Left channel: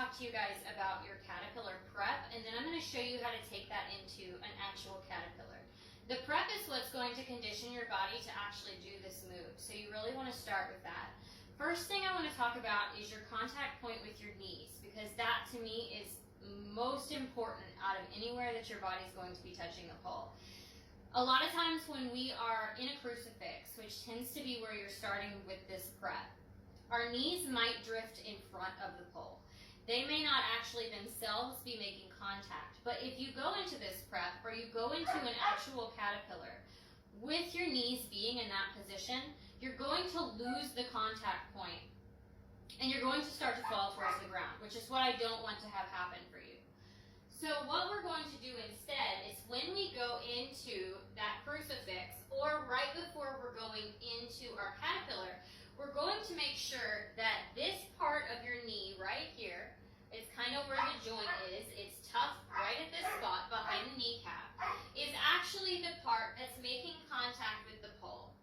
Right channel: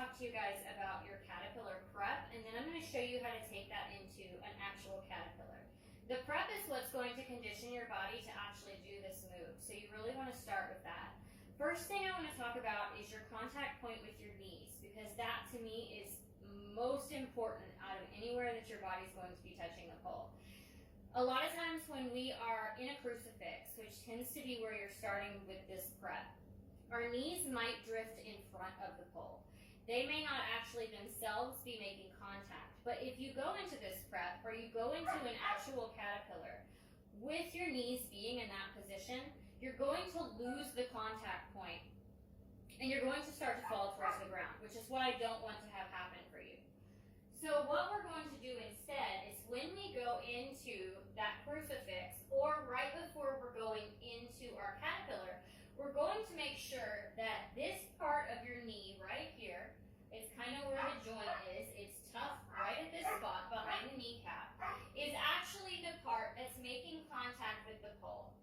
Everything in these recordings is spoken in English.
talk to you guys about your caterpillar prep, and then I'm going to show you how to take that into an actual caterpillar. The prep is what's going to condition your body to actually do this move, so you really want to start with that. First thing I want to talk about is your contact point with your knees, because that to me is most important out of anywhere that your body is going to be touching the pole. A lot of times when we are in a crucifix, which tends to be where you're starting with this prep, our knees might drift in front of the pole. They may not actually themselves be making contact, but if you go into this prep or you go into an actual caterpillar with your knees being in that position, you're going to lose the contact point and you're going to start to fall towards the ground, which is what I don't want to have happen for you. So what we're going to do instead is when we go into that crucifix or right before we're going into our caterpillar, we're going to make sure that this part of your knee right here, it's kind of where the joint is, it's tough right at this spot behind the kneecap, is actually the part that's making contact with the pole.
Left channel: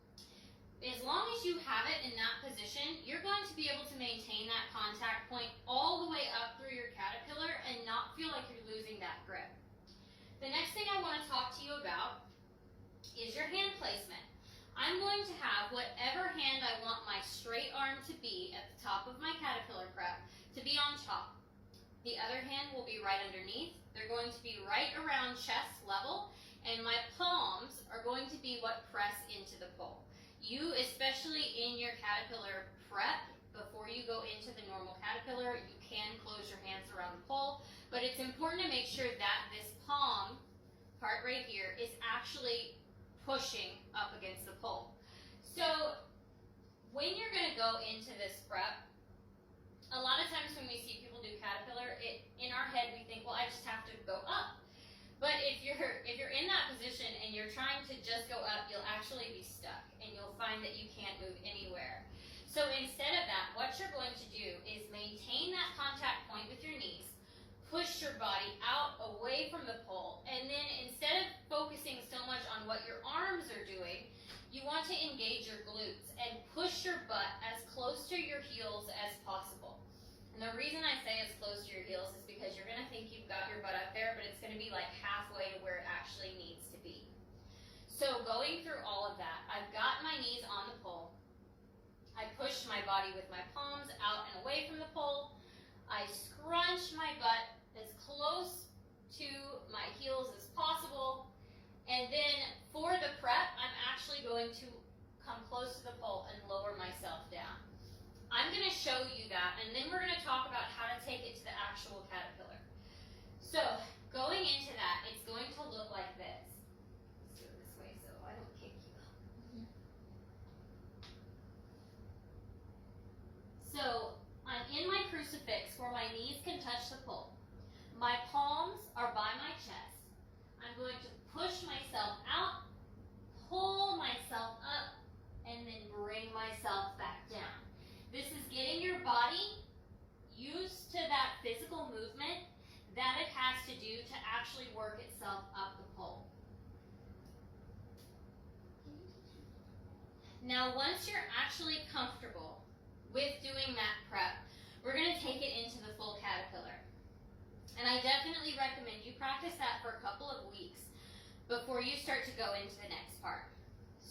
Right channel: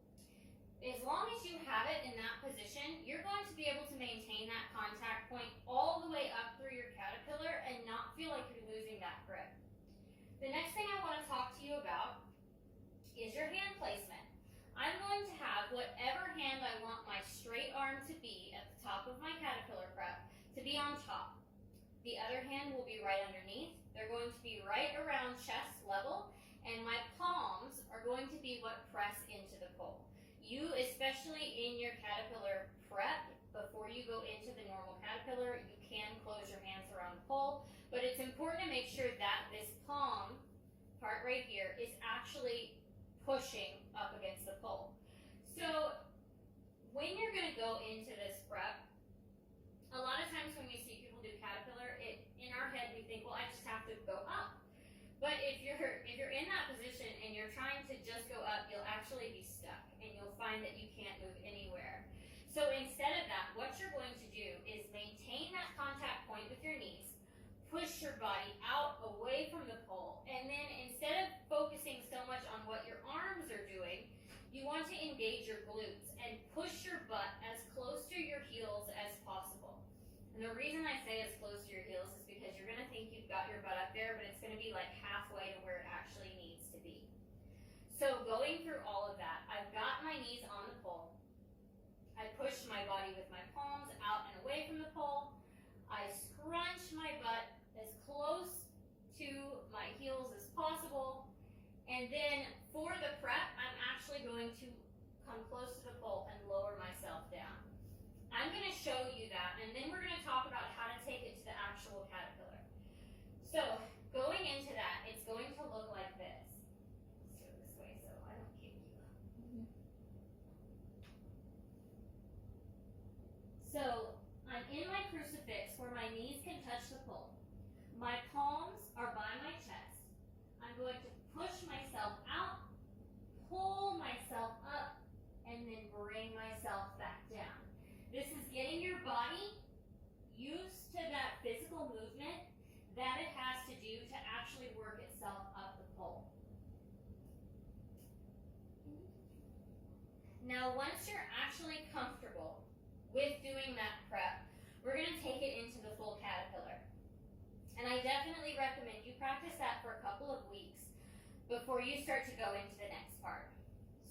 As long as you have it in that position, you're going to be able to maintain that contact point all the way up through your caterpillar and not feel like you're losing that grip. The next thing I want to talk to you about is your hand placement. I'm going to have whatever hand I want my straight arm to be at the top of my caterpillar prep to be on top. The other hand will be right underneath. They're going to be right around chest level, and my palms are going to be what press into the pole. You, especially in your caterpillar prep, before you go into the normal caterpillar, you can close your hands around the pole, but it's important to make sure that this palm part right here is actually pushing up against the pole. So when you're going to go into this prep, a lot of times when we see people do caterpillar, in our head we think, well, I just have to go up. But if you're in that position and you're trying to just go up, you'll actually be stuck and you'll find that you can't move anywhere. So instead of that, what you're going to do is maintain that contact point with your knees, push your body out away from the pole, and then instead of focusing so much on what your arms are doing, you want to engage your glutes and push your butt as close to your heels as possible. And the reason I say as close to your heels is because you're going to think you've got your butt up there, but it's going to be like halfway to where it actually needs to be. So going through all of that, I've got my knees on the pole. I push my body with my palms out and away from the pole. I scrunch my butt as close to my heels as possible. And then for the prep, I'm actually going to come close to the pole and lower myself down. I'm going to show you that, and then we're going to talk about how to take it to the actual caterpillar. So going into that, it's going to look like this. Let's do it this way so I don't kick you. So I'm in my crucifix where my knees can touch the pole. My palms are by my chest. I'm going to push myself out, pull myself up, and then bring myself back down. This is getting your body used to that physical movement that it has to do to actually work itself up the pole. Now, once you're actually comfortable with doing that prep, we're going to take it into the full caterpillar. And I definitely recommend you practice that for a couple of weeks before you start to go into the next part.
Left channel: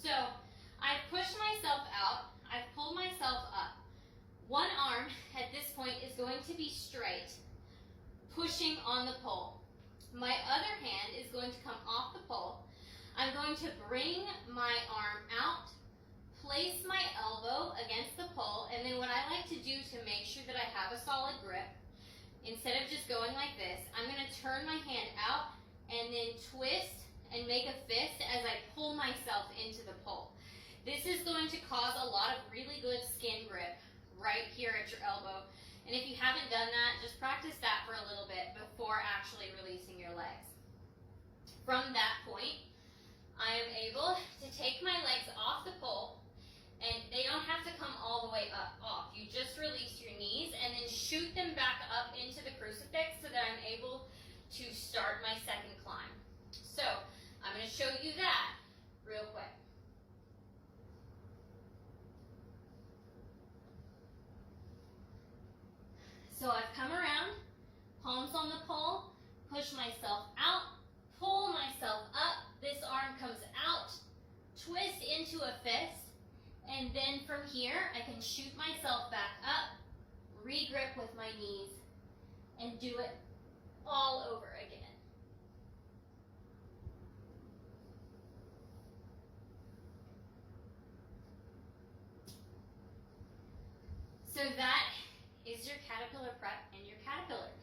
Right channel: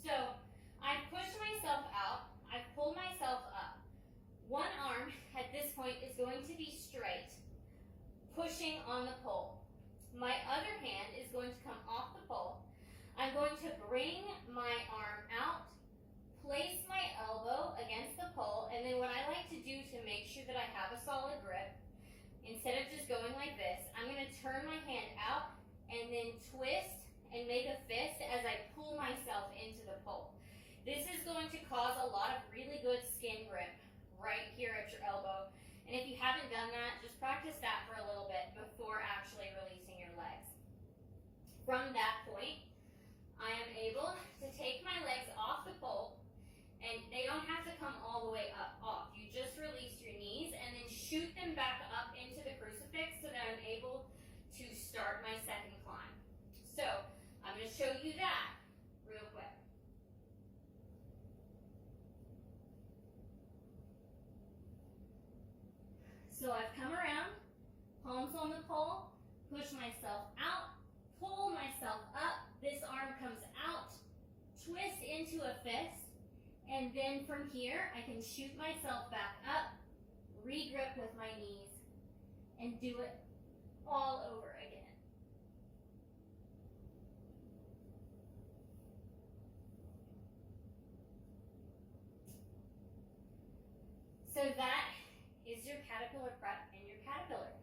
So I've pushed myself out, I've pulled myself up. One arm at this point is going to be straight, pushing on the pole. My other hand is going to come off the pole. I'm going to bring my arm out, place my elbow against the pole, and then what I like to do to make sure that I have a solid grip, instead of just going like this, I'm going to turn my hand out and then twist and make a fist as I pull myself into the pole. This is going to cause a lot of really good skin grip right here at your elbow. And if you haven't done that, just practice that for a little bit before actually releasing your legs. From that point, I am able to take my legs off the pole, and they don't have to come all the way up off. You just release your knees and then shoot them back up into the crucifix so that I'm able to start my second climb. So I'm going to show you that real quick. So I've come around, myself out, pull myself up, this arm comes out, twist into a fist, and then from here I can shoot myself back up, re-grip with my knees, and do it all over again. So that is your caterpillar prep and your caterpillar.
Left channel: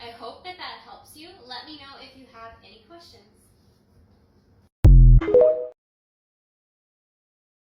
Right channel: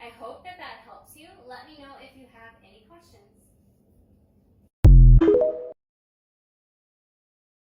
I hope that helps you. Let me know if you have any questions.